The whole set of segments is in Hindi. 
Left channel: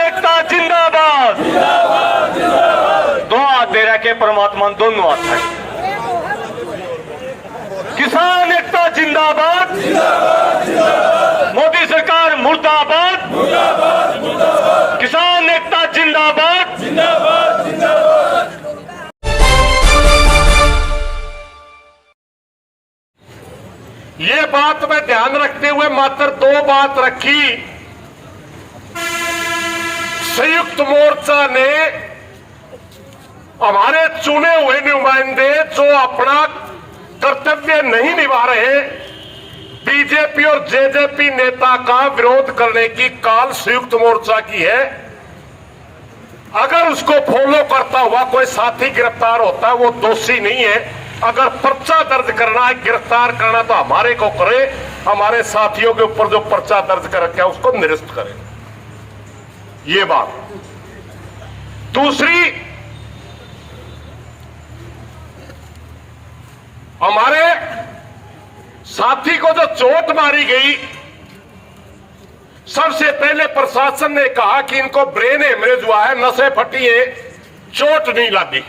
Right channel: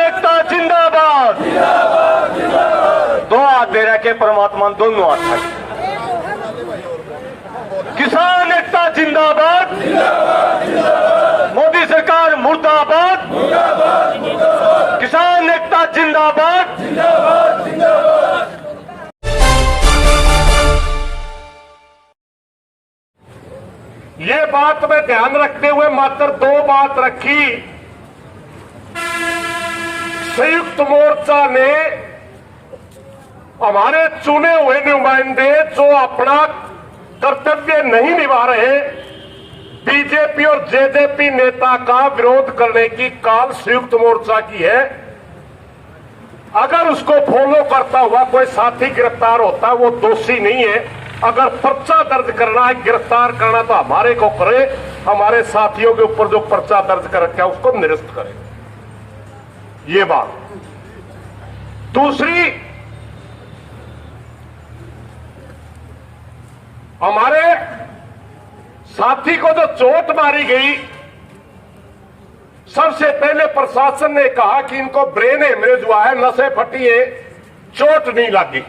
एकता जिंदाबाद। दो हाथ दे रखे परमात्मा दोनों हाथ है। किसान एकता जिंदाबाद। मोदी सरकार मुर्दाबाद। किसान एकता जिंदाबाद। ये बात में ध्यान रखते हुए मात्र दो बात रखी। संयुक्त मोर्चा ने हमारे चुने हुए नुमाइंदे जो अपना कर्तव्य नहीं निभा रहे, बीजेपी और जेजेपी नेता का विरोध करने की काल संयुक्त मोर्चा की है। अगर उसको फॉलो करता हुआ कोई साथी गिरफ्तार होता है वो दोषी नहीं है। अगर पर्चा दर्ज करना है, गिरफ्तार करना तो हमारे को करे, हमारे साथियों के ऊपर जो पर्चा दर्ज कर रखा है उसको निरस्त करें। ये बात। दूसरी, हमारे साथी को जो चोट मारी गई, सबसे पहले प्रशासन ने कहा कि इनको ब्रेन हेमरेज हुआ है, नसें फटी है, चोट नहीं लगी।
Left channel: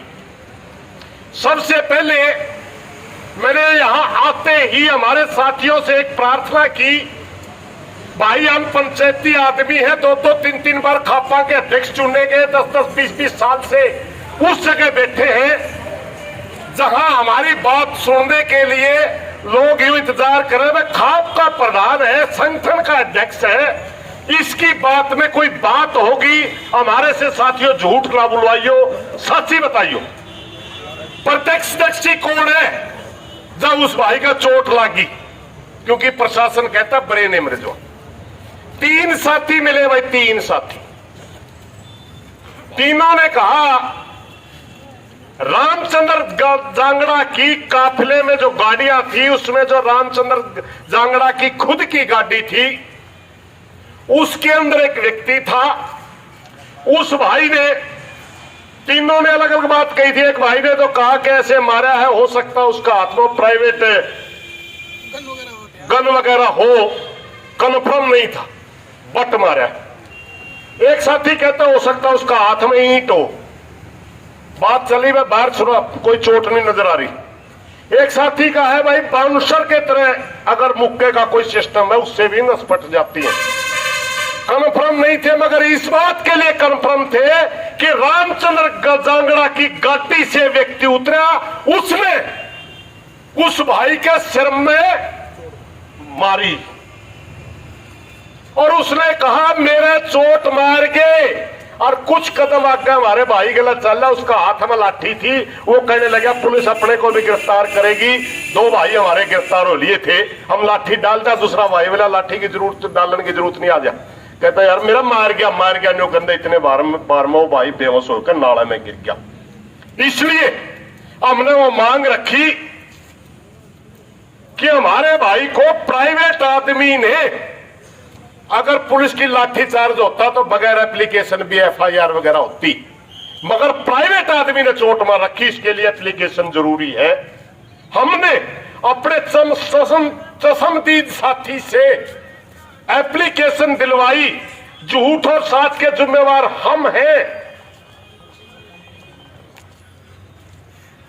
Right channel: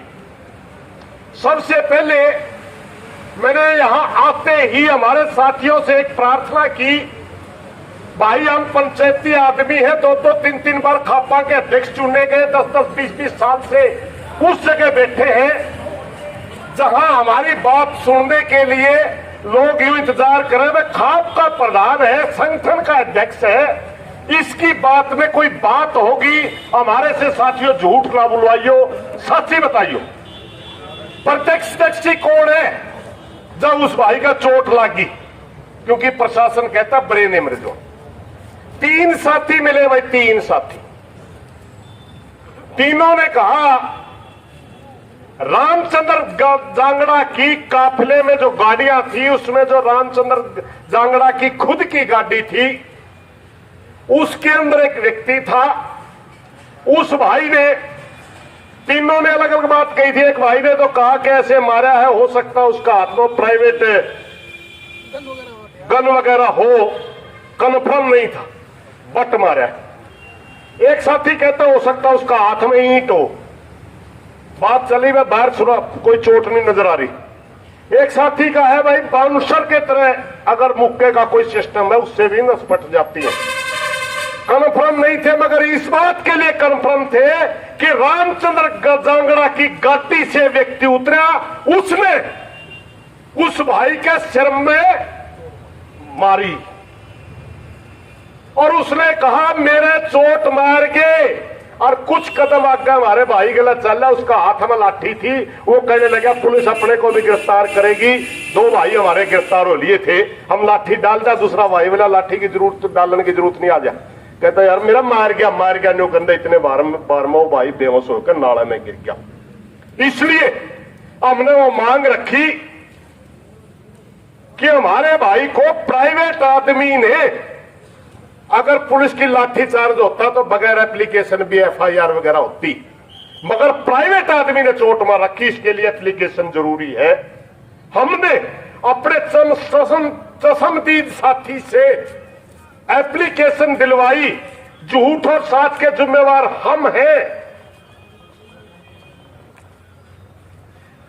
सबसे पहले मैंने यहां आते ही हमारे साथियों से एक प्रार्थना की, भाई हम पंचायती आदमी है, दो दो तीन तीन बार खापा के अध्यक्ष चुने गए, 10-10, 20-20 साल से उस जगह बैठे हैं जहां हमारी बात सुनने के लिए लोग यूं इंतजार कर रहे हैं। खाप का प्रधान है, संगठन का अध्यक्ष है, इसकी बात में कोई बात होगी, हमारे से साथियों झूठ ना बुलवाइयो, सच्ची बताइयो। प्रत्यक्षदर्शी कौन है जब उस भाई का चोट लगी? क्योंकि प्रशासन कहता ब्रेन हेमरेज हुआ। 3 साथी मिले भाई, 3 साथी। तीनों ने कहा रामचंद्र जांगड़ा की काफिले में जो गाड़ियां थी उसमें जो रामचंद्र जांगड़ा की खुद की गाड़ी थी उसके अंदर एक व्यक्ति था। उस भाई ने, तीनों ने अलग अलग बात कही थी। एक भाई ने तो कहा कि ऐसे मारा है, हो सकता उसका हाथ में प्राइवेट गन वगैरह हो, कन्फर्म नहीं था, बट मारा है। एक साथी कहता हो सकता उसका हाथ में ईंट हो। बात चली, मैं बाहर सुना, कोई चोट नहीं नजर आ रही। एक साथी का है भाई बाउंसर के तरह अगर मुक्के का कोई सिस्टम है उससे भी नस फट जाती है। कन्फर्म नहीं थे, मगर इस बात के लिए कन्फर्म थे कि रामचंद्र जांगड़ा की गाड़ी से व्यक्ति उतरा, उसने उस भाई के सिर में मारी और उसने कहा मेरे चोट मार के। और कुछ कदम आगे हमारे भाई गलत चल रहा, उसका हाथ में लाठी थी, वो कहने लगा पुलिस अपने को भी गिरफ्तार करेगी। 2 भाई हमारे गिरफ्तार हो लिए थे, हम लाठी डालता, दूसरा भाई वाला लाठी की जरूरत डालने की जरूरत नहीं आ जा। कहता यार मेरा मार गया नो गंदे, इतने बार में वो भाई बेहोश होकर नाले में गिर गया। इसलिए हमने वो मांग रखी कि हमारे भाई को प्राइवेट आदमी ने, अगर पुलिस की लाठी चार्ज होता तो बगैर एप्लीकेशन भी एफआईआर वगैरह होती, मगर प्राइवेट आदमी ने चोट मार रखी, इसके लिए एप्लीकेशन जरूरी है। हमने अपने चशमदीद साथी से एप्लीकेशन दिलवाई, झूठ और साथ के जिम्मेवार हम हैं,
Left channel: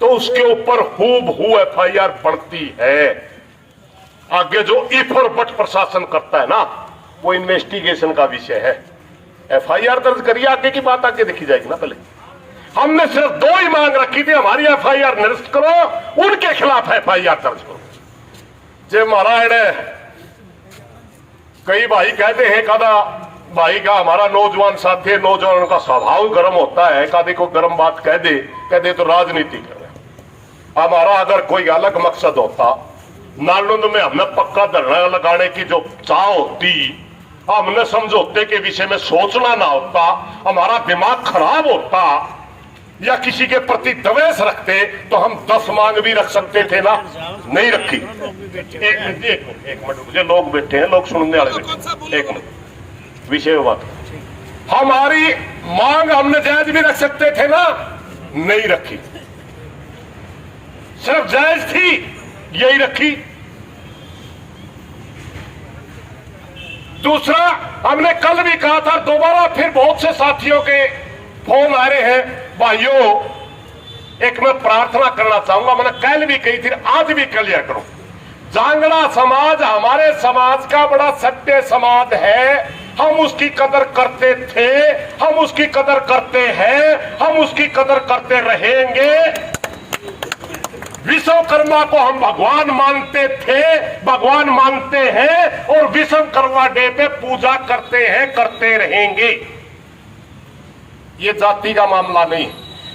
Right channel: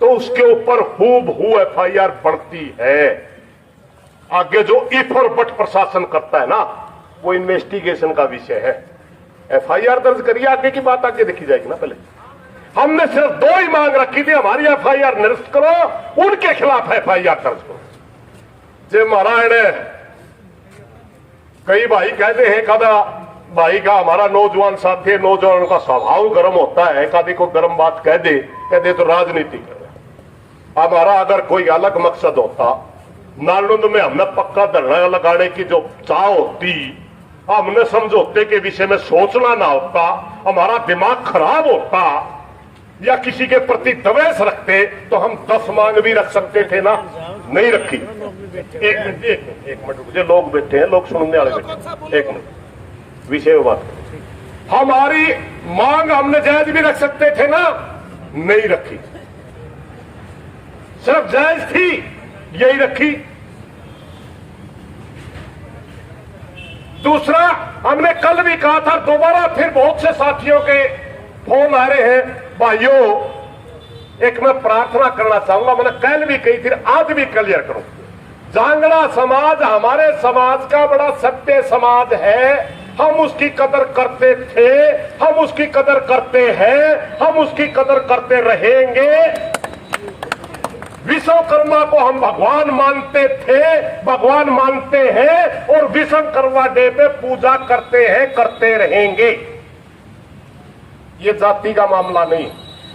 तो उसके ऊपर हूबहू एफआईआर बढ़ती है। आगे जो इफ और बट प्रशासन करता है ना, वो इन्वेस्टिगेशन का विषय है। एफआईआर दर्ज करिए, आगे की बात आगे देखी जाएगी ना। पहले हमने सिर्फ 2 ही मांग रखी थी, हमारी एफआईआर निरस्त करो, उनके खिलाफ एफआईआर दर्ज करो। जे महाराज कई भाई कहते हैं, कदा भाई का हमारा नौजवान साथी है, नौजवानों का स्वभाव गर्म होता है, कभी को गर्म बात कह दे तो राजनीति कर रहे। हमारा अगर कोई अलग मकसद होता, नालंद में हमने पक्का धरना लगाने की जो चाह होती, हमने समझौते के विषय में सोचना ना होता, हमारा दिमाग खराब होता या किसी के प्रति द्वेष रखते तो हम 10 मांग भी रख सकते थे ना, नहीं रखी। एक मिनट मुझे लोग बैठे हैं, लोग सुनने वाले बैठे, एक मिनट विषय बात। हमारी मांग हमने जायज भी रख सकते थे ना, नहीं रखी। सिर्फ जायज थी, यही रखी। दूसरा, हमने कल भी कहा था, दोबारा फिर बहुत से साथियों के फोन आ रहे हैं। भाइयों, एक मैं प्रार्थना करना चाहूंगा, मैंने कल भी कही थी, आज भी क्लियर करूं। जांगड़ा समाज हमारे समाज का बड़ा सत्य समाज है। हम उसकी कदर करते थे, हम उसकी कदर करते हैं, हम उसकी कदर करते रहेंगे। विश्वकर्मा को हम भगवान मानते थे, भगवान मानते हैं और विश्वकर्मा डे पे पूजा करते हैं, करते रहेंगे। ये जाति का मामला नहीं।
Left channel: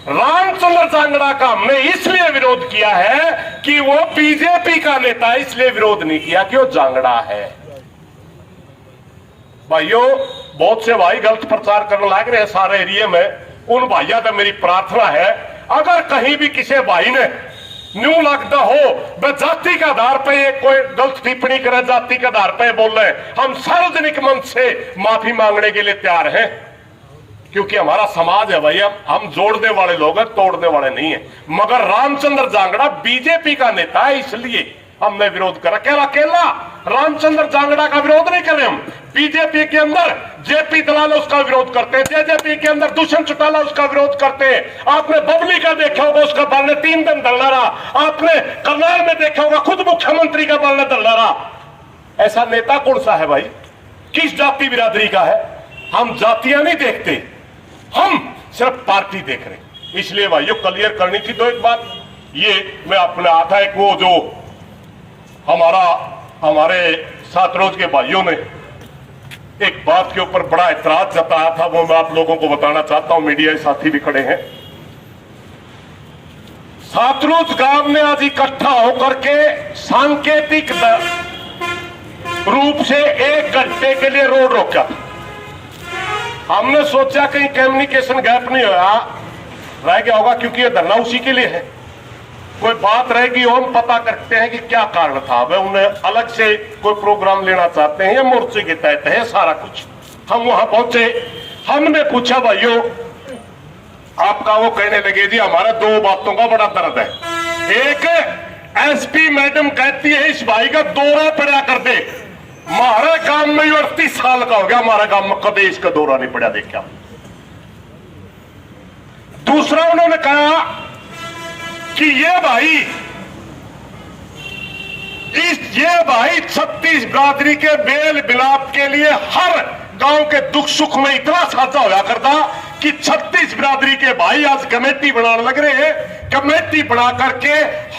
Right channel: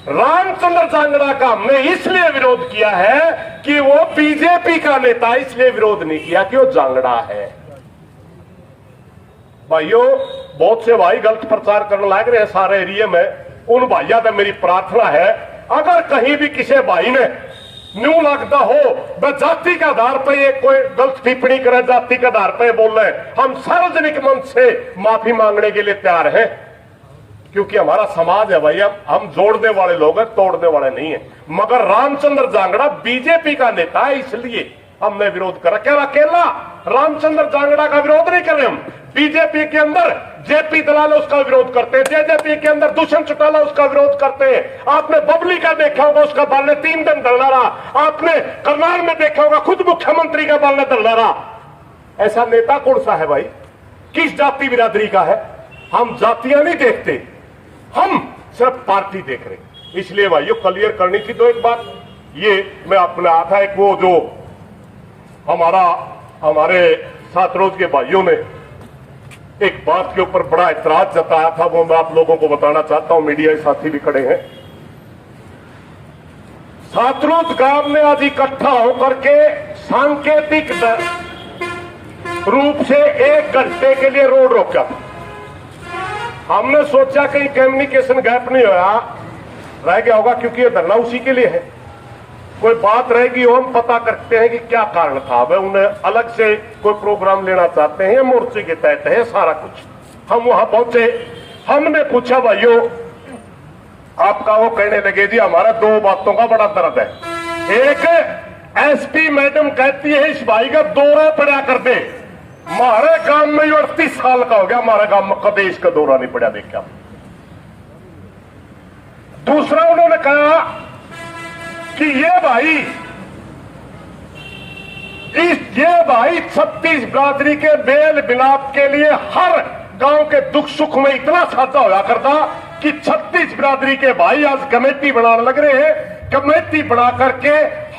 रामचंद्र जांगड़ा का हमने इसलिए विरोध किया है कि वो बीजेपी का नेता, इसलिए विरोध नहीं किया कि वो जांगड़ा है। भाइयों, बहुत से भाई गलत प्रचार करने लग रहे हैं सारे एरिया में। उन भाइयों का मेरी प्रार्थना है, अगर कहीं भी किसी भाई ने न्यू लगता हो वह जाति के आधार पर ये कोई गलत टिप्पणी करे, जाति के आधार पर बोल रहे, हम सार्वजनिक मंच से माफी मांगने के लिए तैयार हैं। क्योंकि हमारा समाज है भाई, हम जोड़ने वाले लोग हैं, तोड़ने वाले नहीं है। मगर रामचंद्र जांगड़ा बीजेपी का नेता है, इसलिए हमने विरोध करा। क्या अकेला रामचंद्र जांगड़ा का विरोध नहीं करें हम। बीजेपी के अंदर जेपी दलाल उसका विरोध करते हैं, जेजेपी के अंदर दुष्यंत चौटाला उसका विरोध करते हैं। आपने बबली का देखा होगा, उसका बल ने 3 दिन धरना रहा। आपने करनाल में देखा होगा, खुद मुख्यमंत्री का बल ने धरना रहा। ऐसा नेता कौन सा है भाई? किस जाति बिरादरी का है? हम जातियां नहीं देखते, हम सिर्फ पार्टी देख रहे। इसलिए भाइयों, क्लियर करनी थी। तो एक बात ये मैं अपने आता, एक वो जो हमारे सात रोज के भाइयों ने एक बात के ऊपर बड़ा ऐतराज जताया था, वो मैं आप लोगों को बताना चाहता हूं। मीडिया साथी भी खड़े हैं। सातरोज गांव ने आज इकट्ठा होकर के सांकेतिक रूप से 1 घंटे के लिए रोड रोका था। हमने सोचा कहीं कम्युनिकेशन गैप नहीं रह गया होगा, क्योंकि ये धरना उसी के लिए है। कोई बात रहेगी हम पता करते हैं कि क्या कारण था। वह उन्हें अलग से कोई प्रोग्राम लेना चाहते हैं, मोर्चे के तहत है सारा कुछ। हम वहां पहुंचे, हमने पूछा भाइयों आपका, वो कहने लगे जी हमारा 2 बातों का बड़ा दर्द है। एक, एसपी मैडम कहती है इस भाई का दौरा पड़ा कर दे। हमारे गांव में 38 साल का हो गया, हमारे गांव में कभी इसका दौरा नहीं पड़ा देखा। दूसरा, उन्होंने कहा कि ये भाई 36 बिरादरी के बेल बिलाप के लिए हर गांव के दुख सुख में इतना साझा होया करता कि 36 बिरादरी के भाई आज कमेटी बनाने लग रहे हैं। कमेटी बना करके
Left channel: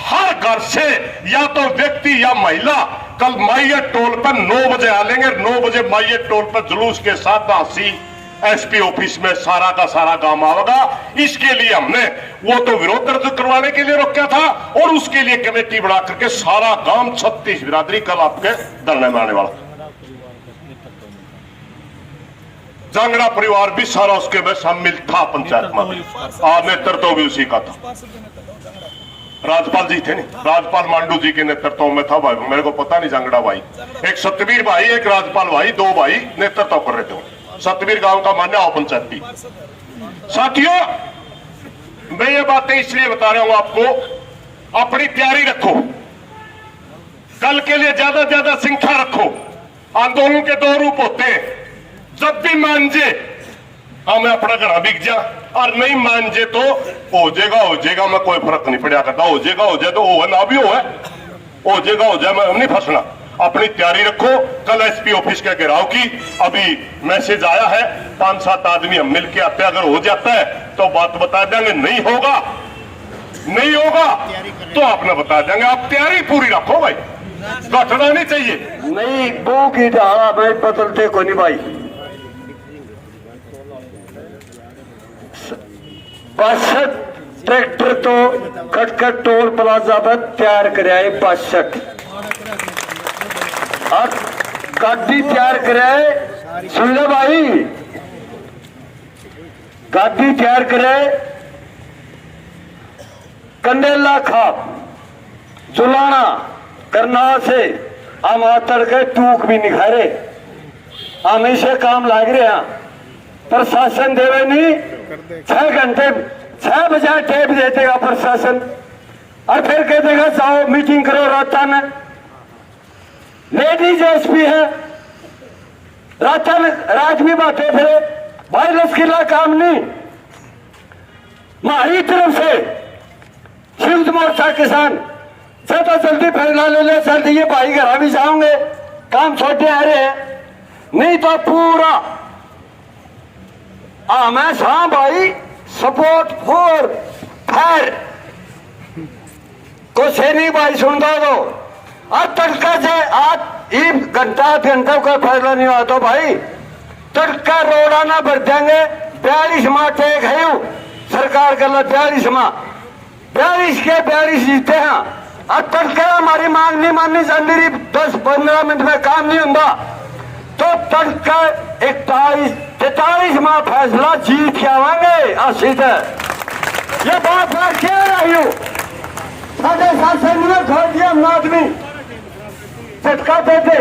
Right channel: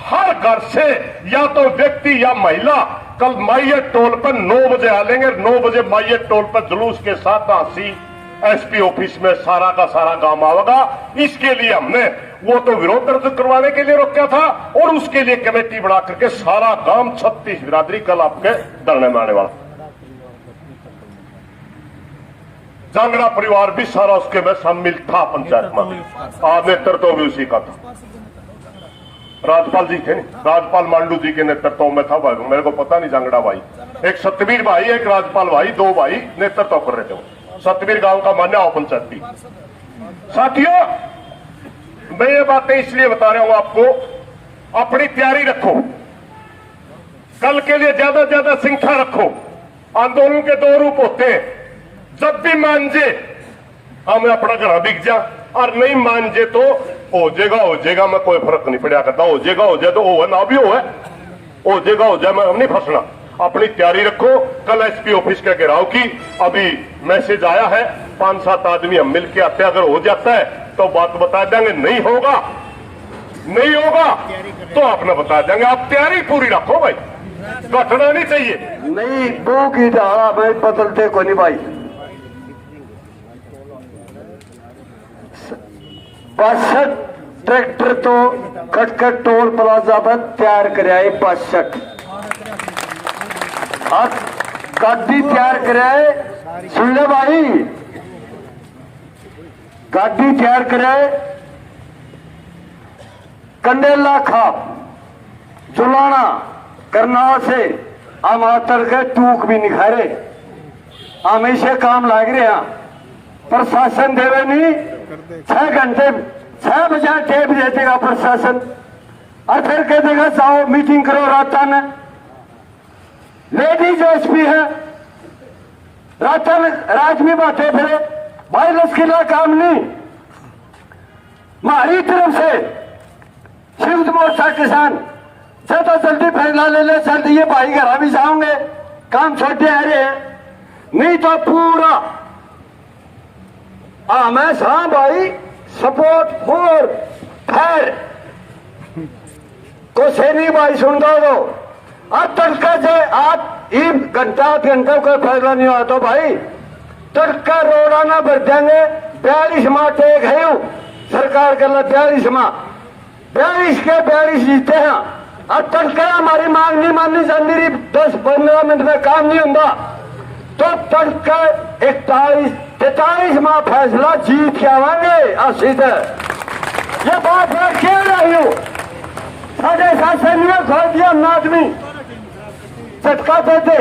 हर घर से या तो व्यक्ति या महिला कल माइये टोल पर 9 बजे आ लेंगे। 9 बजे माइये टोल पर जुलूस के साथ हासी एसपी ऑफिस में सारा का सारा काम आवेगा। इसके लिए हमने वो तो विरोध दर्ज करवाने के लिए रोका था, और उसके लिए कमेटी बना करके सारा गांव 36 बिरादरी कल आपके धरने में आने वाला। जांगड़ा परिवार भी सारा उसके में शामिल था। पंचायत में नेतृत्व भी उसी का था। राज्यपाल जी थे, राज्यपाल मांडू जी के नेतृत्व में था। भाई मेरे को पता नहीं, जांगड़ा भाई, एक सतवीर भाई, एक राज्यपाल भाई, 2 भाई नेतृत्व कर रहे थे। सतवीर गांव का मान्य पंचायती। साथियों, मैं ये बातें इसलिए बता रहा हूं आपको, अपनी तैयारी रखो, कल के लिए ज्यादा से ज्यादा संख्या रखो। आंदोलन के 2 रूप होते हैं, जब भी मान जे हमें अपना घर बिक जा, और नहीं मान जे तो हो जाएगा मैं कोई फर्क नहीं पड़ा करता। हो जाए तो हो ना भी हो जाए, मैं नहीं फंसना। अपनी तैयारी रखो। कल एसपी ऑफिस के घेराव की अभी मैसेज आया है, 5-7 आदमी हम मिलकर आते, अगर हो जाता है तो बात बता देंगे, नहीं होगा तो आपने बता देंगे। आप तैयारी पूरी रखो भाई, घटना नहीं चाहिए। नहीं दो की धारा भाई बदलते को नहीं भाई। बासठ ट्रैक्टर तो खटखट टोल प्लाजा पर तैयार कराए, 62 गाड़ी तैयार कराए। सुन लो भाई, गाड़ी तैयार कराए। कंडेला खाप जुलाना करनाल से हम आतर के टूक भी निखारे, हमेशा काम लाग रहे हैं। प्रशासन देवे नहीं, 6 घंटे 6 बजे टेप दे देगा प्रशासन, और फिर कह देगा जाओ मीटिंग करो राता में। लेडीज एसपी है, राज में बातें फिरे भाई लश्किला काम नहीं। हमारी तरफ से संयुक्त मोर्चा किसान ज्यादा जल्दी फैसला ले ले, जल्दी ये भाई घर भी जाओगे, काम छोटे आ रहे हैं, नहीं तो पूरा हमेशा भाई सपोर्ट फॉर फायर को से नहीं भाई सुन दो। अब तड़का से आज एक घंटा का फैसला नहीं हुआ तो भाई तड़का रोड़ा ना भर देंगे। 42 माह टेक है सरकार का 42 माह, 42 के 42 जीते हैं। अब तड़का हमारी मांग नहीं माननी चाहिए, 10-15 मिनट में काम नहीं होगा तो तड़का 41-43 माह फैसला जीत के आवांगे। सीधे ये बात मैं कह रही हूँ, 7.5 से नहीं खा दिया आदमी झटका देते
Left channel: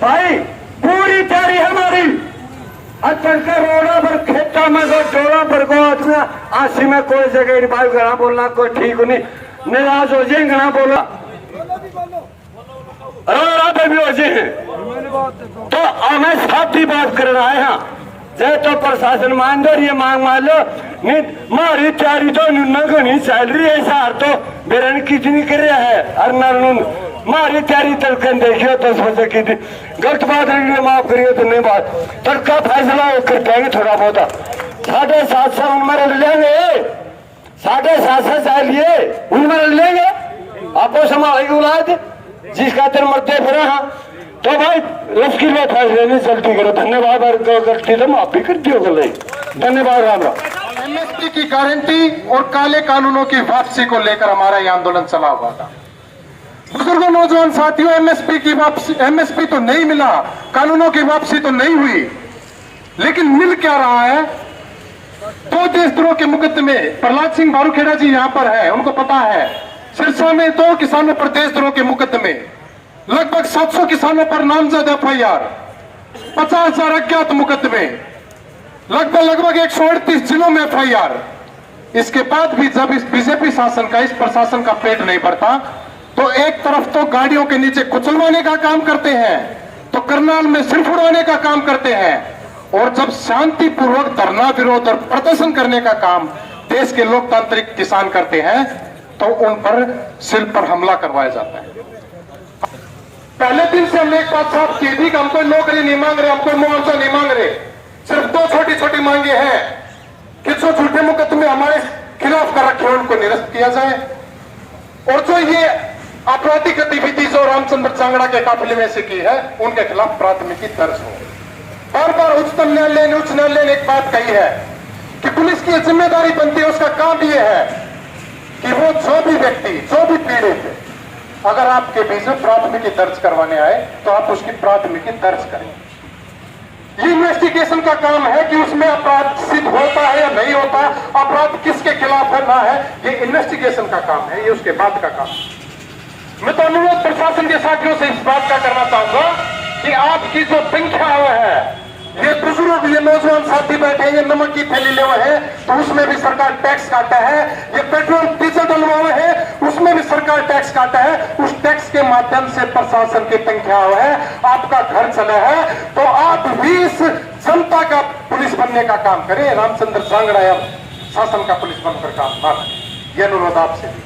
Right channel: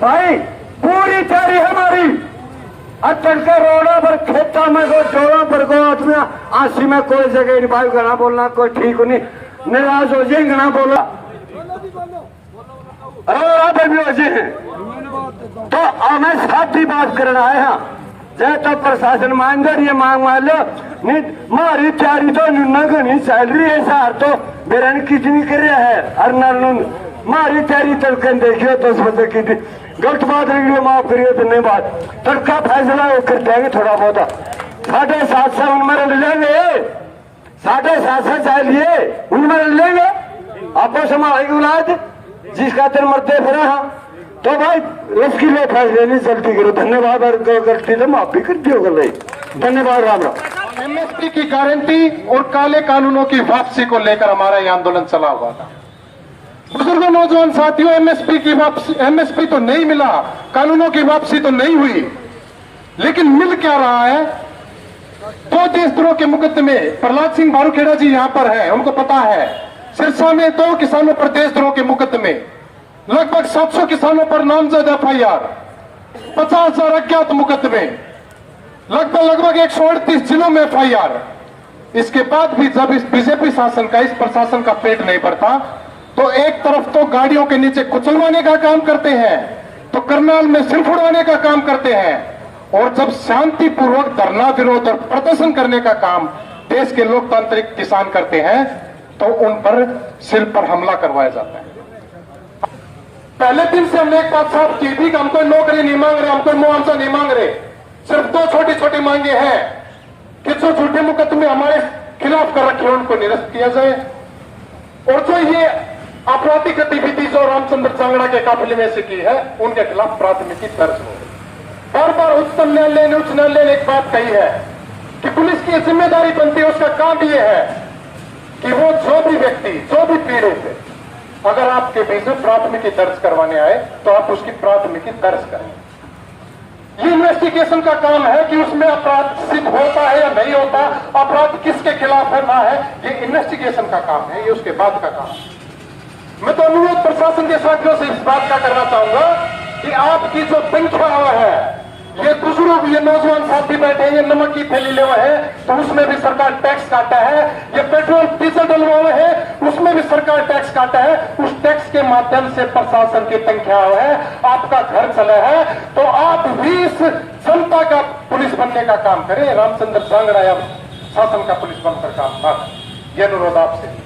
भाई, पूरी तैयारी है हमारी। अतल के रोडों पर खेता में से टोला पर को आशी में कोई जगह नहीं भाई, घना बोलना कोई ठीक नहीं, निराश हो जाए घना बोलना पर भी हो जाए। तो हमें साथ ही बात करना है। हाँ जय तो प्रशासन मान दो, ये मांग मान लो नहीं, हमारी तैयारी तो घनी चल रही है। सार तो बेरन कितनी कर रहा है और नून हमारी तैयारी तड़कन देखियो 10 बजे की थी। गलत बात रही माफ करियो तो नहीं बात, तड़का फैसला कर देंगे थोड़ा बहुत। 7.5 से उनमें रख लेंगे, 7.5 से चाहिए उनमें रख लेंगे। आपको समाज बुलाए जिसका तेरे मरते फिर। हाँ तो भाई उसकी लो फैसले नहीं जल्दी करो। धन्यवाद, और गलती तो माफ भी कर दियो गल। धन्यवाद, राम राम। एमएसपी की गारंटी और काले कानूनों की वापसी को लेकर हमारा यह आंदोलन चला हुआ था। बुजुर्गों, नौजवान साथियों, एमएसपी की वापसी, एमएसपी तो नहीं मिला, कानूनों की वापसी तो नहीं हुई, लेकिन मिल क्या रहा है? 2 देशद्रोह के मुकदमे, प्रहलाद सिंह बारूखेड़ा जी यहाँ पर है, उनको पता है। सिरसा में 2 किसानों पर देशद्रोह के मुकदमे, लगभग 700 किसानों पर नामजद एफआईआर, 50,000 अज्ञात मुकदमे, लगभग 138 जिलों में एफआईआर। इसके बाद भी जब इस बीजेपी शासन का, इस प्रशासन का पेट नहीं भरता तो एक तरफ तो गाड़ियों के नीचे कुचलवाने का काम करते हैं, तो करनाल में सिर्फ उड़ाने का काम करते हैं, और जब शांतिपूर्वक धरना विरोध और प्रदर्शन करने का काम देश के लोकतांत्रिक किसान करते हैं तो उन पर सिर पर हमला करवाया जाता है। पहले दिन से हमने एक बात साफ की थी कि हम कोई नौकरी नहीं मांग रहे, हम कोई मुआवजा नहीं मांग रहे, सिर्फ 2 छोटी-छोटी मांगे हैं कि जो झूठे मुकदमे हमारे खिलाफ कर रखे हैं उनको निरस्त किया जाए, और जो ये आपराधिक गतिविधि जो रामचंद्र चांगड़ा के काफिले में से की है उनके खिलाफ प्राथमिकी दर्ज हो। बार बार उच्चतम न्यायालय ने, उच्च न्यायालय ने एक बात कही है कि पुलिस की जिम्मेदारी बनती है, उसका काम ये है कि वो जो भी व्यक्ति, जो भी पीड़ित है, अगर आपके बीच में प्राथमिकी दर्ज करवाने आए तो आप उसकी प्राथमिकी दर्ज करें। ये इन्वेस्टिगेशन का काम है कि उसमें अपराध सिद्ध होता है या नहीं होता, अपराध किसके खिलाफ है ना है, ये इन्वेस्टिगेशन का काम है, ये उसके बाद का काम है। मैं तो अनुरोध प्रशासन के साथियों से इस बात का करना चाहूंगा कि आपकी जो संख्या है, ये बुजुर्ग, ये नौजवान साथी बैठे हैं, ये नमक की थैली ले हुए हैं तो उसमें भी सरकार टैक्स काटा है, ये पेट्रोल डीजल डलवा हुए हैं उसमें भी सरकार टैक्स काटा है, उस टैक्स के माध्यम से प्रशासन की संख्या हुआ है, आपका घर चला है, तो आप भी इस जनता का पुलिस बनने का काम करें, रामचंद्र चांगड़ा या शासन का पुलिस बनकर काम करें। यह अनुरोध आपसे।